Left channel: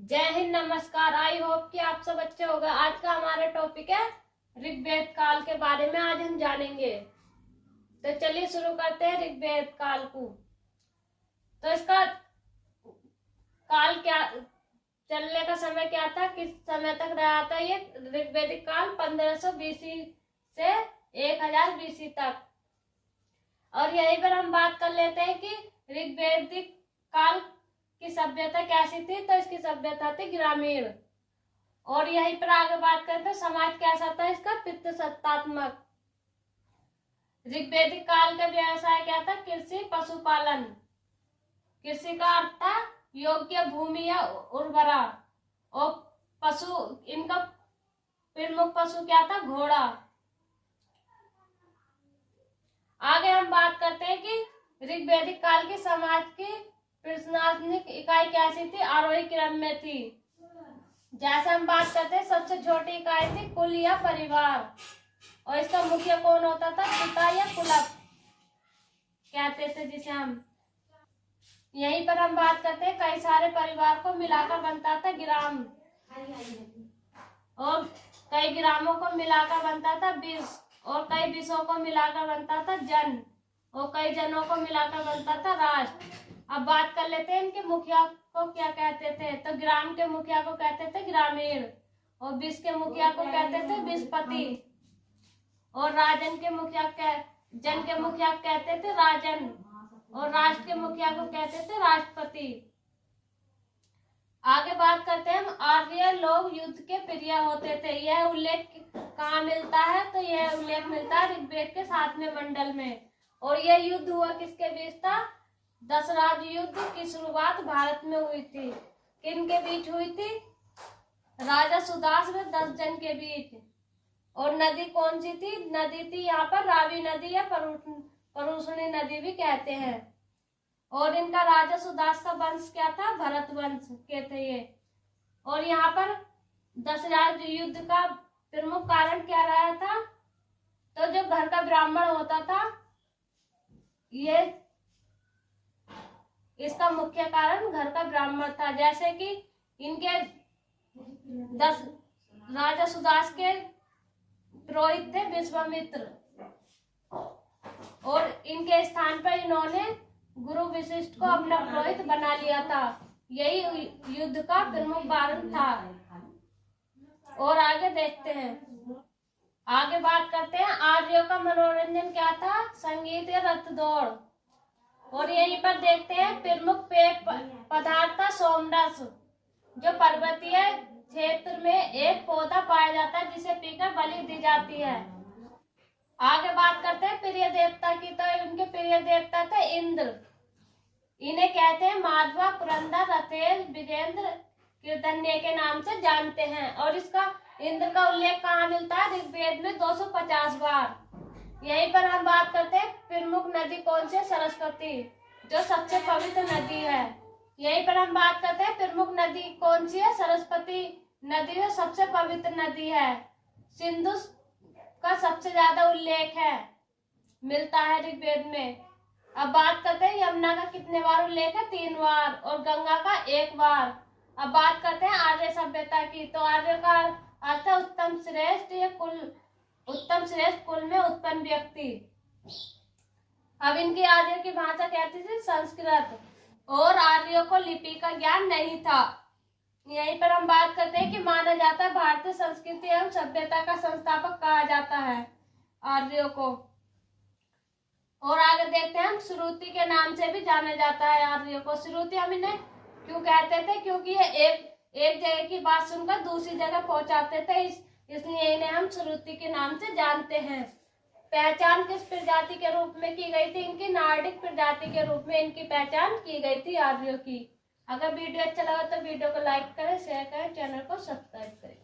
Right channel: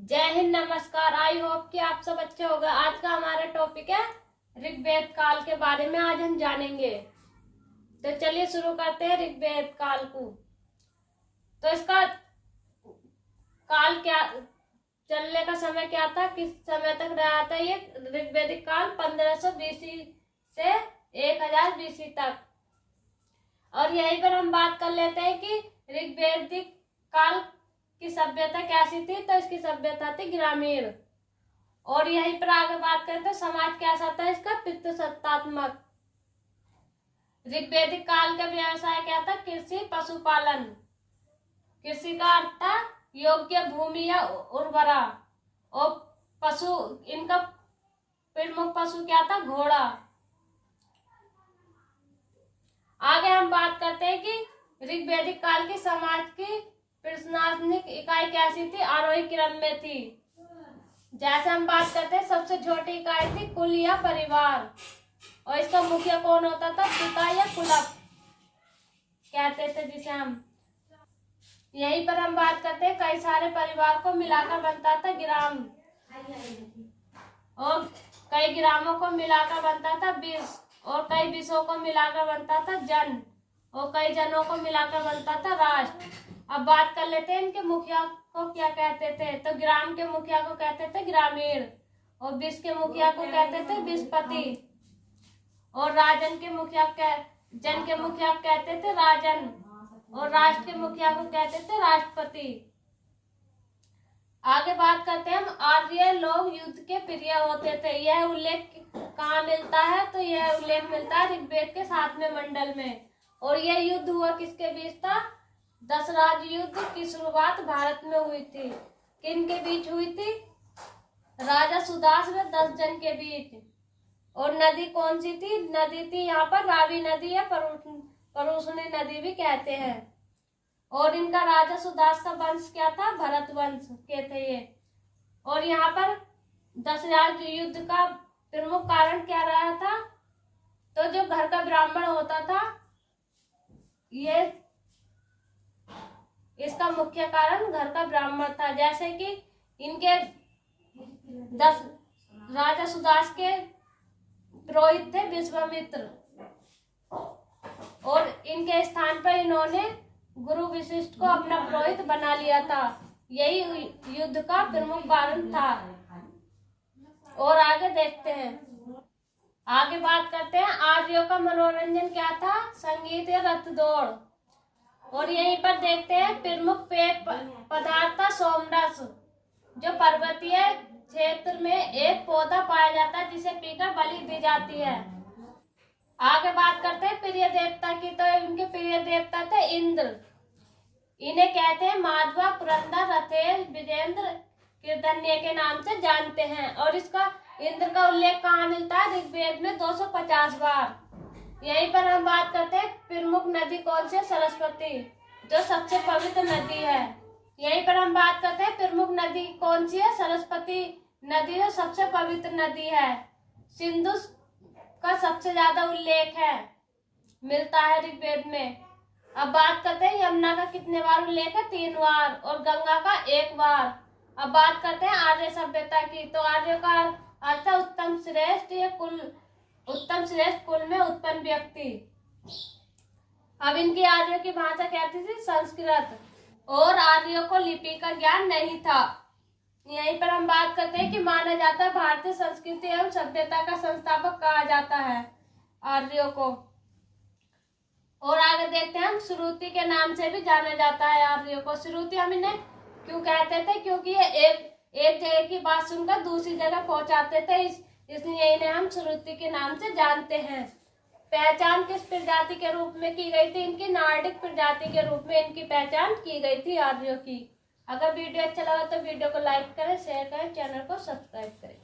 जय हिंद, नमस्कार। I hope कि आप सब अच्छे हो गए। आज का हमारा टॉपिक है ऋग्वेद काल के बारे में आज हम जानेंगे। तो चलिए शुरू करते हैं ऋग्वेद काल को। तो इसका काल क्या, चलने का समय क्या था, किस समय तक रहा था ये ऋग्वेदिक काल? 1500 बीसी से 1000 बीसी तक। और यहीं पर हम बात कर लेते हैं कि ऋग्वेदिक काल की सभ्यता कैसी थी। तो इसकी सभ्यता थी ग्रामीण। और यहीं पर आगे बात करें तो समाज कैसा था इसका? पितृसत्तात्मक। ऋग्वेदिक काल का व्यवसाय क्या था? कृषि, पशुपालन। कृषि का अर्थ था योग्य भूमि या उर्वरा। और पशु, इनका प्रमुख पशु क्या था? घोड़ा। आगे हम बात करते हैं कि ऋग्वेदिक काल की समाज की प्रशासनिक इकाई कैसी थी? आरोही क्रम में थी। जैसे हम बात करते हैं, सबसे छोटी इकाई थी कुल या परिवार। और इसका मुखिया कौन होता था? पिता या कुलप कहते थे जिसे हम। यहीं पर हम बात करते हैं, कई सारे परिवार को मिलाकर बनता था ग्राम। और कई ग्रामों को मिलाकर बनता था विष। और कई विषों को मिलाकर बनता था जन। और कई जनों को मिलाकर बनता था राष्ट्र। अब बात कर लेते हैं इनके मुखिया को क्या कहते थे। तो ग्राम के मुखिया को कहते थे ग्रामीण। और विष के मुखिया को कहते थे विषपति। और राजन के मुखिया जन के मुखिया कहते थे राजन। और राष्ट्र के मुखिया को कहते थे राष्ट्रपति। आगे बात करते हैं हम, आर्य लोग युद्ध के प्रिय होते थे। यह उल्लेख कहाँ मिलता है? तो यह उल्लेख मिलता है ऋग्वेद के 7वें मंडल में। और यह युद्ध हुआ किसके बीच था? दशराज युद्ध की शुरुआत भारत में हुई थी। किन के बीच हुई थी? राजा सुदास व 10 जन के बीच। और नदी कौन सी थी? नदी थी यहाँ पर रावी नदी या परुषणी नदी भी कहते हैं। और इनका राजा सुदास का वंश क्या था? भरत वंश के थे ये। और यहाँ पर दशराज युद्ध का प्रमुख कारण क्या रहा था? तो जो घर का ब्राह्मण होता था, ये इसका मुख्य कारण घर का ब्राह्मण था। जैसे कि इनके राजा सुदास के पुरोहित थे विश्वामित्र। और इनके स्थान पर इन्होंने गुरु वशिष्ठ को अपना पुरोहित बना लिया था। यही युद्ध का प्रमुख कारण था। और आगे देखते हैं, आगे बात करते हैं, आर्यों का मनोरंजन क्या था? संगीत या रथ दौड़। और यहीं पर देखते हैं, प्रमुख पेय पदार्थ था सोमरस, जो पर्वतीय क्षेत्र में एक पौधा पाया जाता है जिसे पीकर बलि दी जाती है। आगे बात करते हैं प्रिय देवता की। तो इनके प्रिय देवता थे इंद्र। इन्हें कहते हैं माधवा, पुरंदर, रथेल, विजेंद्र, कीर्तन्य के नाम से जानते हैं। और इसका इंद्र का उल्लेख कहाँ मिलता है? ऋग्वेद में 250 बार। यहीं पर हम बात करते हैं प्रमुख नदी कौन सी? सरस्वती, जो सबसे पवित्र नदी है। यहीं पर हम बात करते हैं प्रमुख नदी कौन सी है? सरस्वती नदी जो सबसे पवित्र नदी है। सिंधु का सबसे ज्यादा उल्लेख है मिलता है ऋग्वेद में। अब बात करते हैं यमुना का कितने बार उल्लेख है? 3 बार। और गंगा का 1 बार। अब बात करते हैं आर्य सभ्यता की। तो आर्य का अर्थ उत्तम श्रेष्ठ या कुल, उत्तम श्रेष्ठ कुल में उत्पन्न व्यक्ति। अब इनकी आर्यों की भाषा क्या थी? संस्कृत। और आर्यों को लिपि का ज्ञान नहीं था। यहीं पर हम बात करते हैं कि माना जाता है भारतीय संस्कृति एवं सभ्यता का संस्थापक कहा जाता है आर्यों को। और आगे देखते हैं हम, श्रुति के नाम से भी जाना जाता है आर्यों को। श्रुति हम इन्हें क्यों कहते थे? क्योंकि ये एक जगह की बात सुनकर दूसरी जगह पहुंचाते थे, इसलिए इन्हें हम श्रुति के नाम से जानते हैं। पहचान किस प्रजाति के रूप में की गई थी? इनकी नार्डिक प्रजाति के रूप में इनकी पहचान की गई थी आर्यों की। अगर वीडियो अच्छा लगा तो वीडियो को लाइक करें, शेयर करें, चैनल को सब्सक्राइब करें।